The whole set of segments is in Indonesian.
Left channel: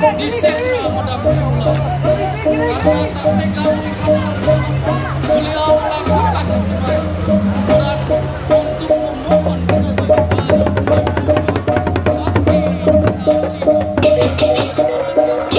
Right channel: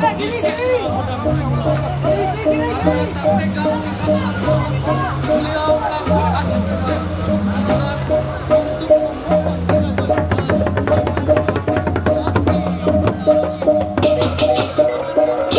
di segmen muda pemula. Karena tak tega melihat beliau melakukan semua berat untuk memohon kepada Sakti yang berkasih pada acara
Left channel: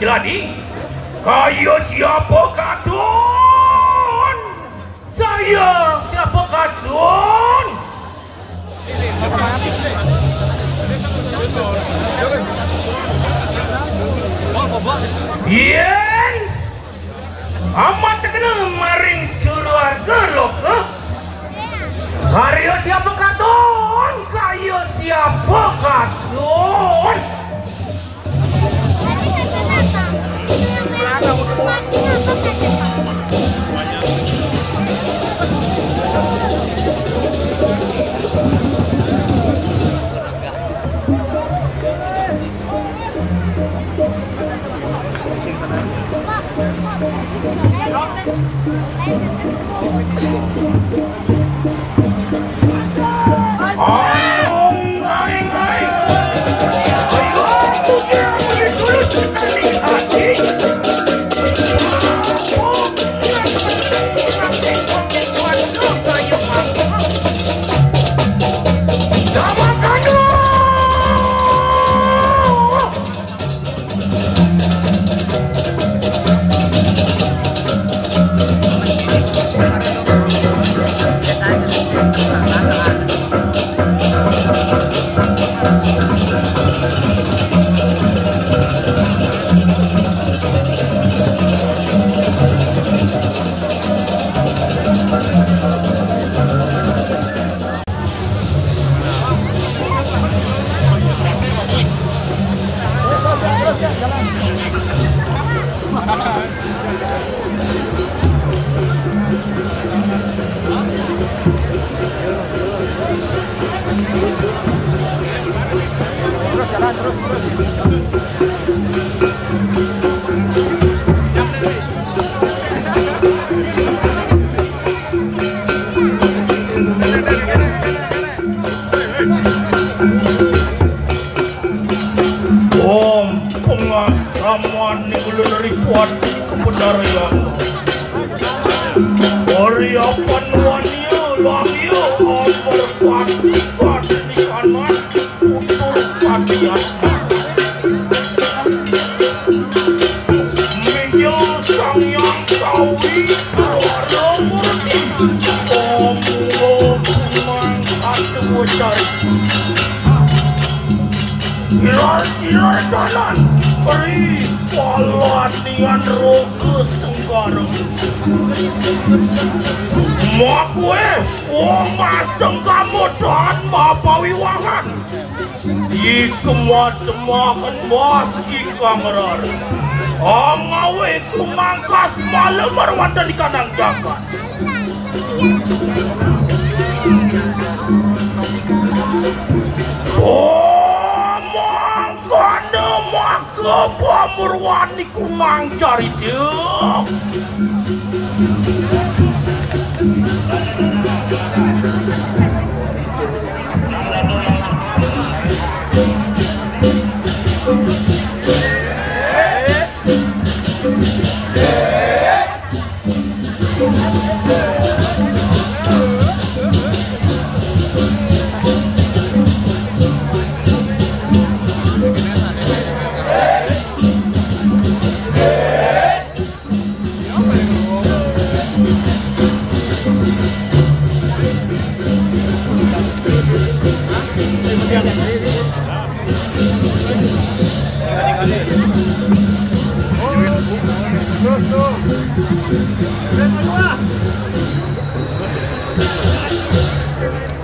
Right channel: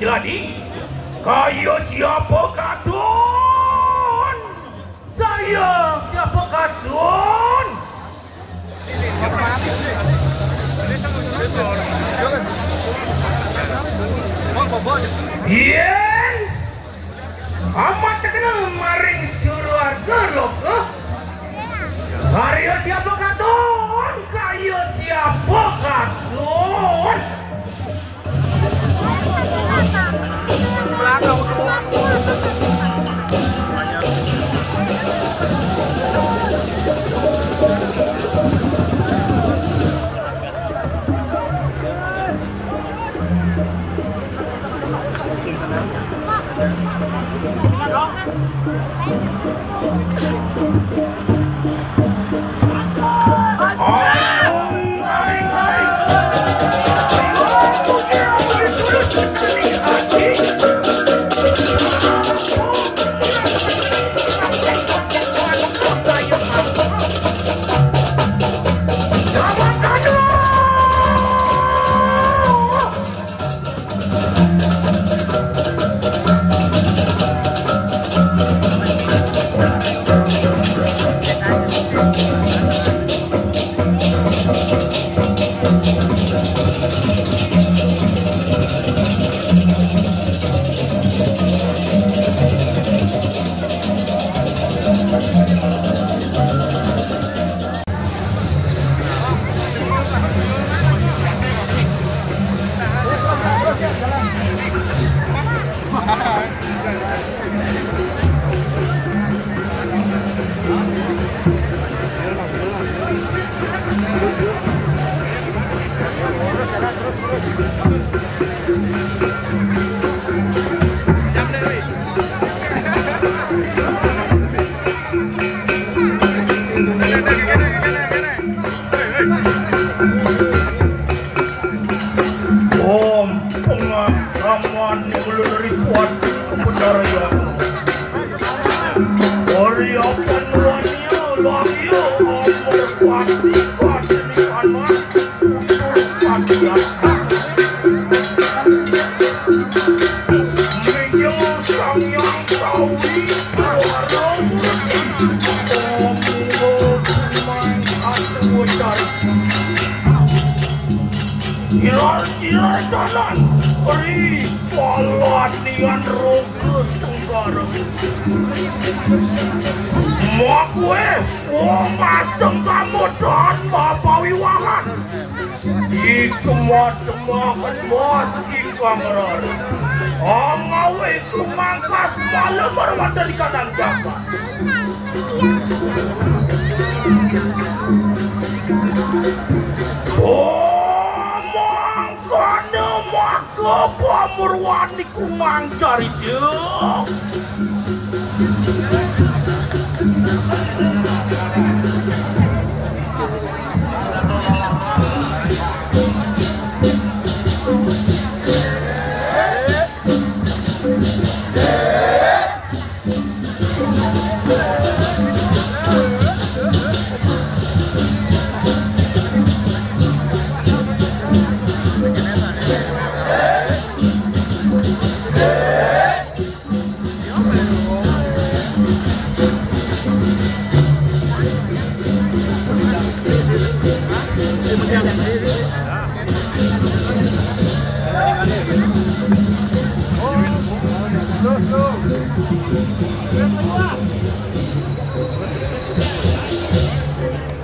Jadi, kayo siapa kadun? Saya siapa kadun? Iya, amat terkenal maring keluarga loh. Kayo siapa kadun? Kayo siapa kadun?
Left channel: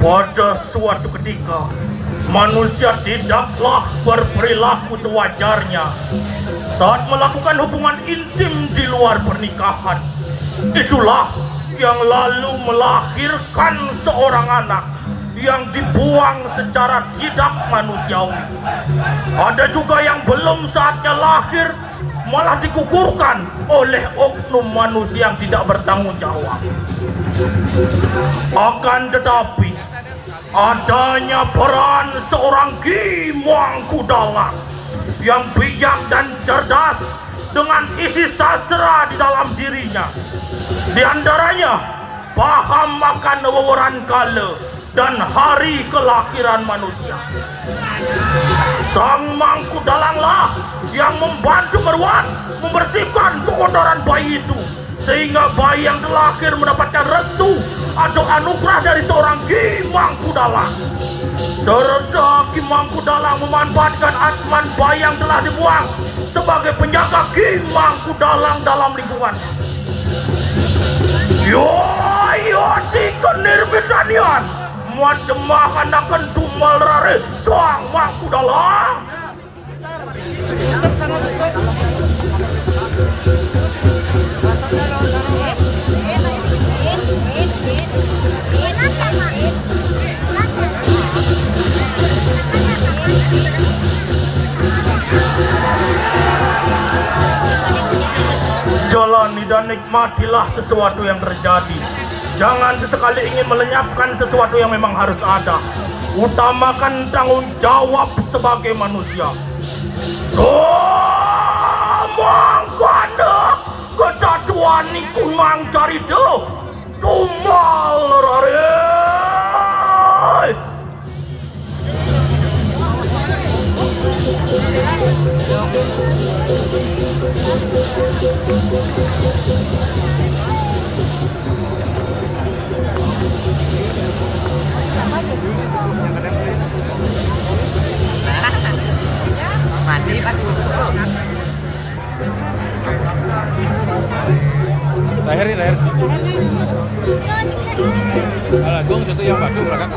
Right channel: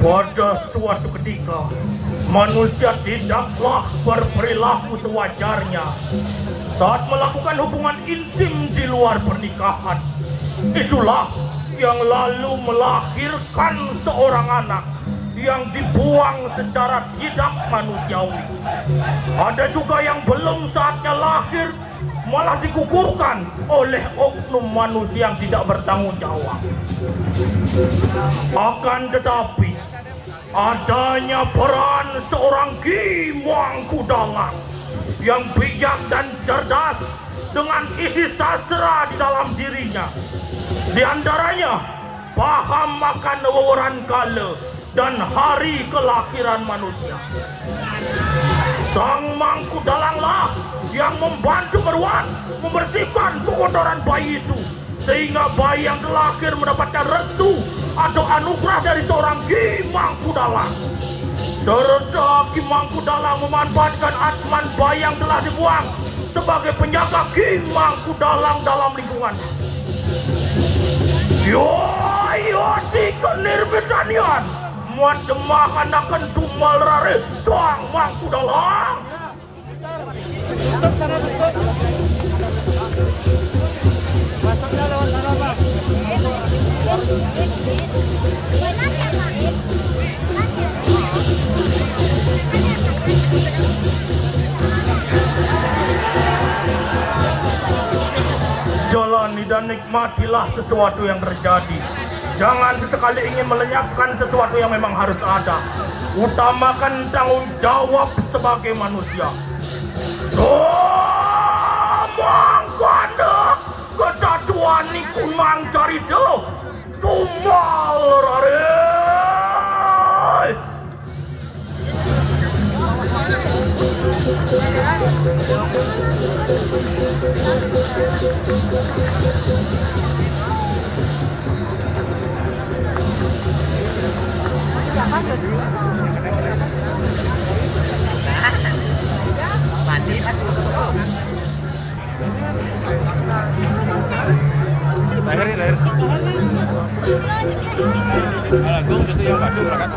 Pada suatu ketika, manusia tidaklah berperilaku sewajarnya saat melakukan hubungan intim di luar pernikahan. Itulah yang lalu melahirkan seorang anak yang dibuang secara tidak manusiawi. Ada juga yang belum saatnya lahir malah digugurkan oleh oknum manusia yang tidak bertanggung jawab. Akan tetapi, adanya peran seorang Ki Mangkudalam yang bijak dan cerdas dengan isi sastra di dalam dirinya. Di antaranya, paham akan wewenang kala dan hari kelahiran manusia. Sang Mangkudalamlah yang membantu merawat, membersihkan kekotoran bayi itu, sehingga bayi yang terlahir mendapatkan restu atau anugerah dari seorang Ki Mangkudalam. Serta Ki Mangkudalam memanfaatkan asman bayi yang telah dibuang sebagai penjaga Ki Mangkudalam dalam lingkungannya. Yo tiga nirbidanian muat akan tumal rare Sang Mangkudalam. dan nikmatilah sesuatu yang terjadi. Jangan sesekali ingin melenyapkan sesuatu yang memang harus ada. Utamakan tanggung jawab sebagai manusia. Mangkana kedatuan niku mangcari deh. Tumal rare. Lahir. Agung satu yang bagus kan.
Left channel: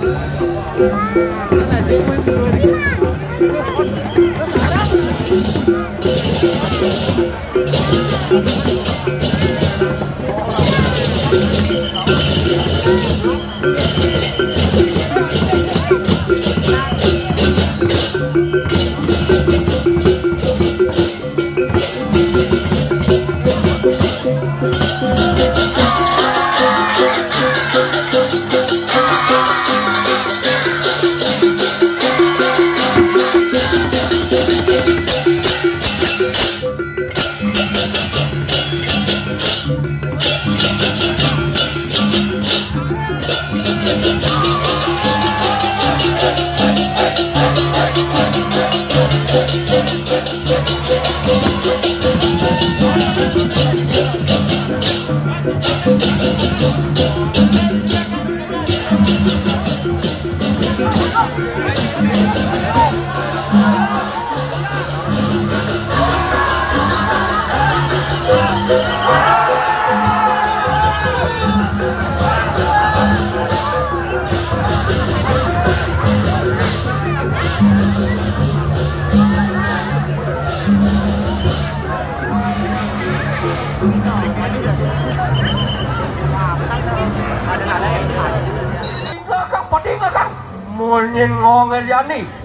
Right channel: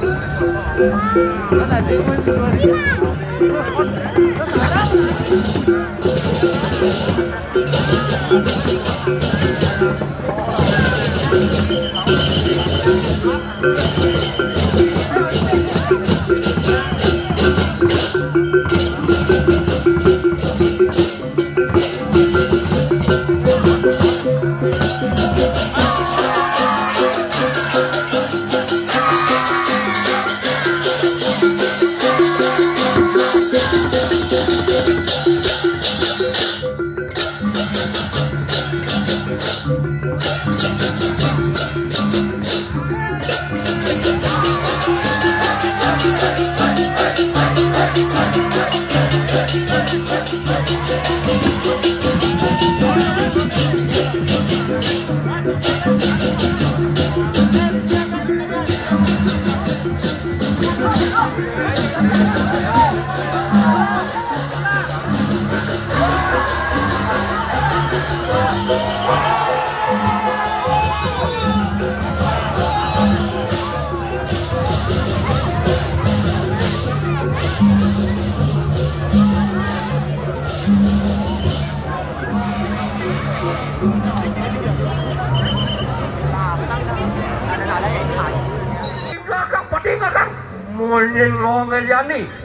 Ngomong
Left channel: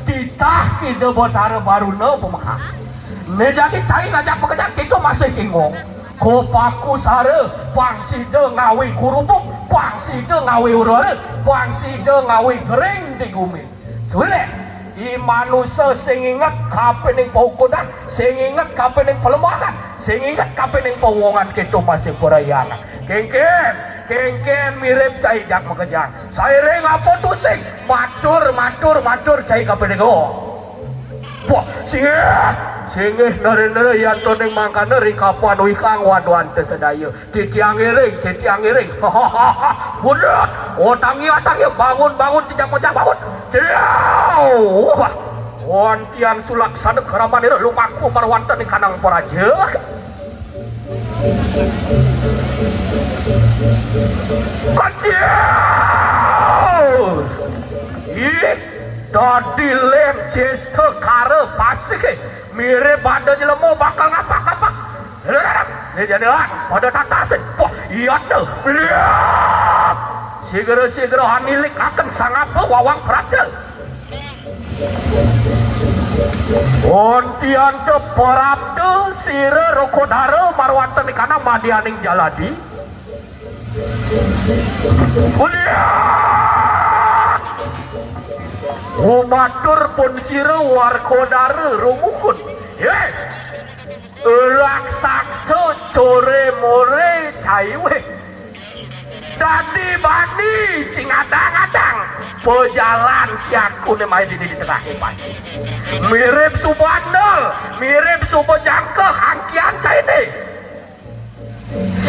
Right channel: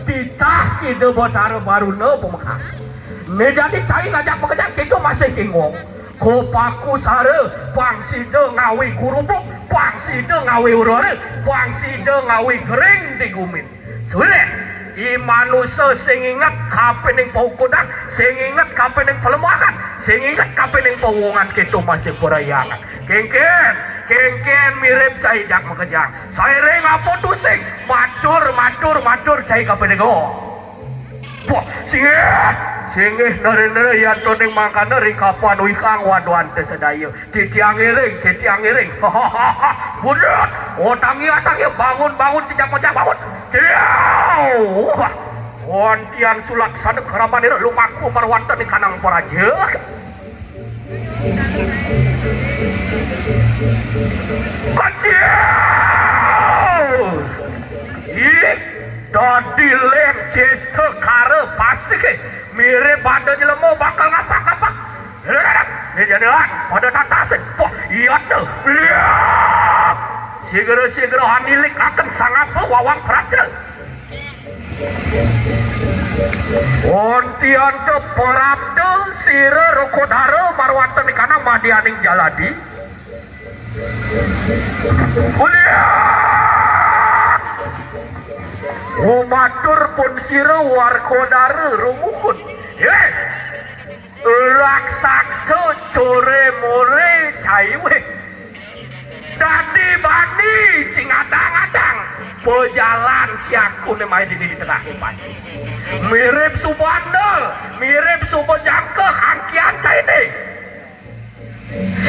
titah kita botara baru ne pemaham. Ne jadi saya ngajak pekerjaan kita masih kingong. Kopaku sare pangsi de ngawi kurupuk, pangsi de ngawi urare, pangsi de ngawi kering di gumin. Sulit. I manusia sing ingat kapening paukodang, sing ingat kapening pelemahan, sing ingat kapening pawongan kita masih perayangan. Kengken mirip cai jak mengejar. Saya reng apa tu sing matur cai kapening go. Wah, singih nere yang toning mangkana rikapan wikang waduan tersedaya. Titiang iring. Hahaha. Budak. Tangi bangun tidak bangun. Wah. Wantian sulak sadek harapan ini lumaku marwanta di kanang poraja. Dadi lem jese kare pasik mirip pada jelemu bakal ngapak-ngapak. Ini jadi pada tatasik. Wah iya tuh. Sigera hanilik akan sangat wawang peraja. Ontian te perabde sire rokodare marwanta di kanang madianing jaladi. Umatur pun sire warkodare rumukun. Raksakso core more caiwe. Dadi bani cingadang-adang pejalan siaku ne main di tengah ipan. Mirip subandel, mirip subejangke hangkian ini.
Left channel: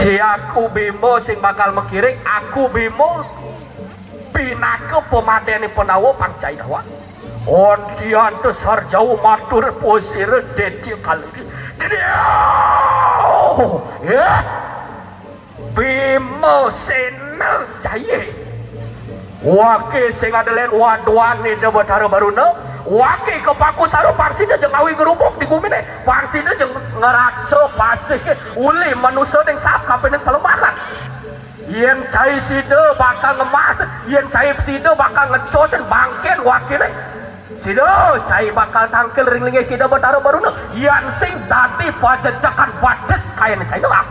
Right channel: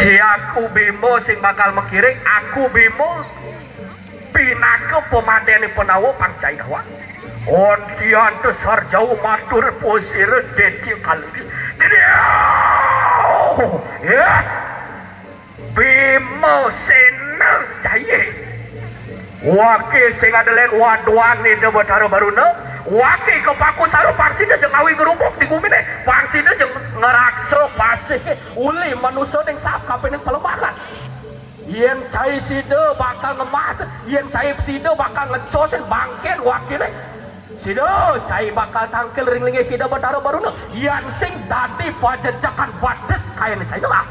Siaku bimo sing bakal mekiring, aku bimo pinake pemadeni penawa pancai dawa. Ontian tu sarjau matur posir dedi kali. Ya. Bimo senang jaya. Wakil sing adelen waduan ni de betara baruna. Wakil kepaku saru pangsi de jengawi ngerubuk di gumine. Pangsi de jeng ngerakso pasih uli manusia yang sap kapan yang pelemahan. Yen cai side bakal ngemas, yen cai side bakal ngecosen bangken wakilnya. Side cai bakal tangkel ringlinge side betara baruna. Yen sing tadi pajajakan bades kain cai lah.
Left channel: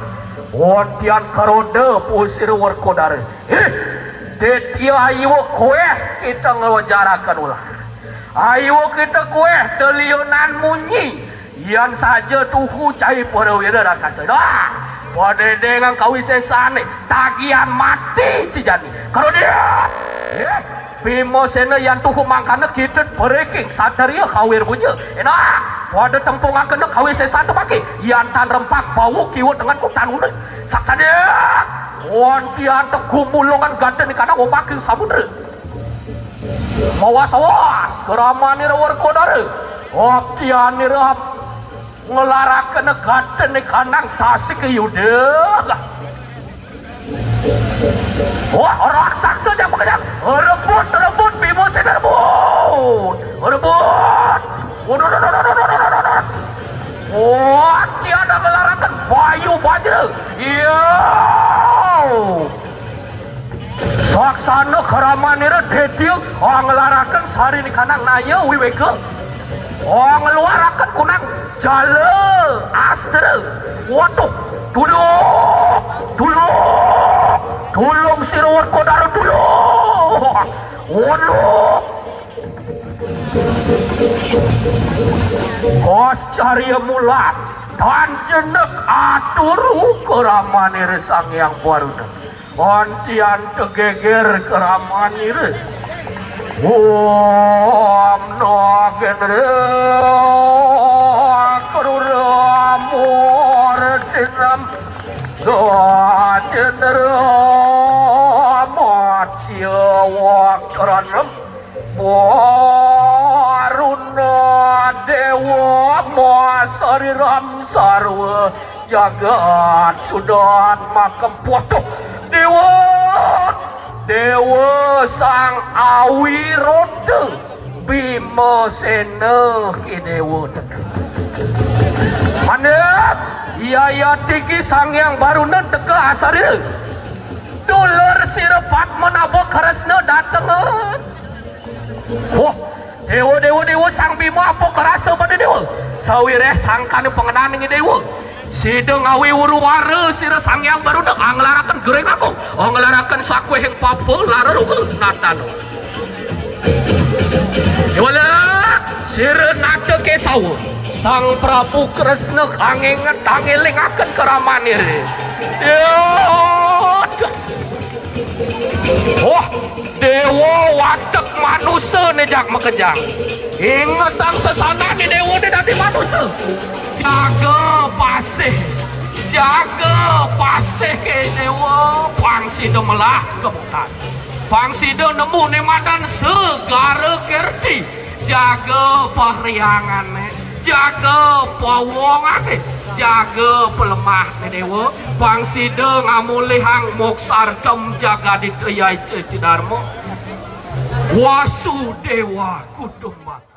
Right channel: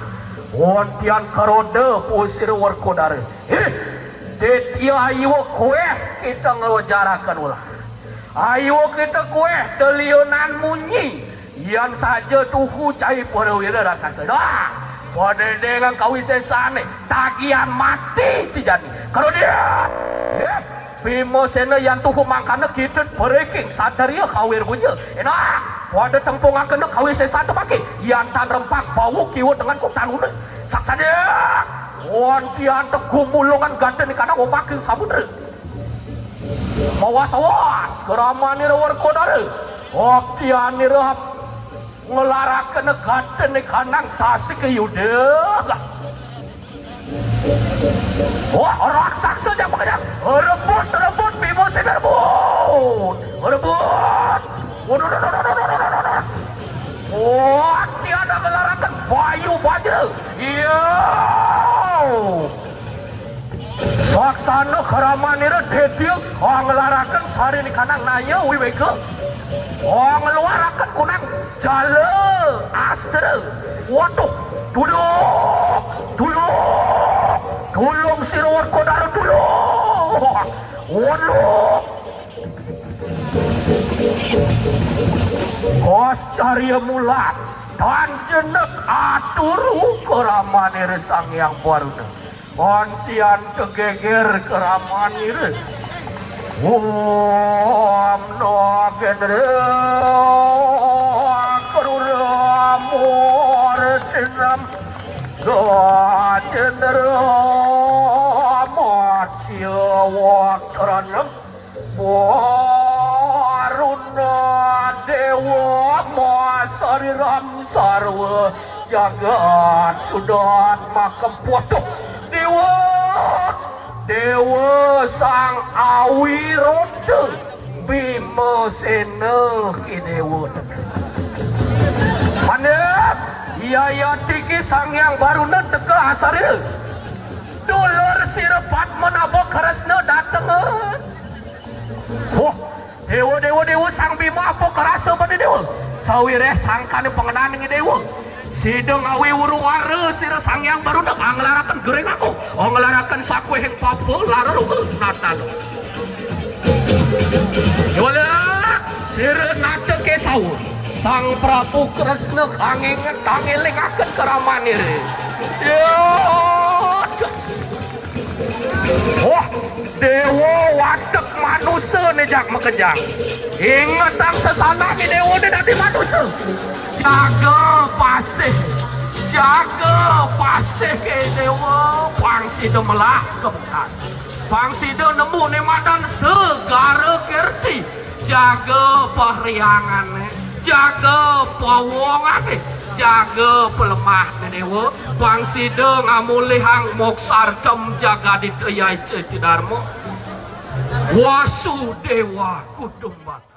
Wontian karode pusir Warkodara. Detia ayo kue kita ngawajarakan ulah. Ayo kita kue telionan munyi. Yang saja tuhu cai perwira rasa cedah. Pada dengan kawisesane tagihan mati dijadi. Kalau dia, Bimo sena yang tuhu makana kita breaking sadaria kawir punya. Enak. Pada tempungan kena kawisesane pakai. Yang tan rempak bau kiwut dengan kutan udah. Saksa dia. Wantian teguh mulungan ganda ni kadang omakin samudera. Mawas-awas keraman ni Warkodara. Wantian ni rap ngelarakan ganda ni kanang tasik ke yuda. Wah, orang saksa dia mengejar. Rebut, Bimo sini rebut. Wah, tiada ngelarakan bayu baja. Iya. Saksana keramanira detil orang ngelarakan sari ni kanang naya wiweka. Orang ngelarakan kunang jala asra. Waduh, tolong si Warkodara tolong. Waduh. Kos cari mulat dan jenek atur keramanira sang yang baru. Wantian kegeger keramanira. Om no gendre karura amor tinam doa gendre macia wakranam waruna dewa masariram sarwa jagat sudan makam potoh Dewa sang awiroda Bima sena ki dewa. Mana iya tiki sang yang baru nan teka asar ini. Dolar sirapat menabo kerasna datang. Oh, dewa sang Bima apa kerasa pada dewa. Sawireh sangkane pengenan ini dewa. Sideng awi uruwara sira sang yang baru nak anglarakan gereng aku anglarakan sakwe yang papel lara rugu natan wala sira nata kesau sang Prabu Kresna kangenget tangeling akan keramanir wah dewa watek manusia nih jak makejang ingat ang sesana ni dewa ni dati manusia jaga pasih ke dewa pangsida melak kebekas pangsida nemu ni madan segara kerti jaga pariangan jaga pawongan jaga pelemah ke dewa pangsida ngamulihang moksar kem jaga ditriai cetidarmo Wasudewa Kutumba.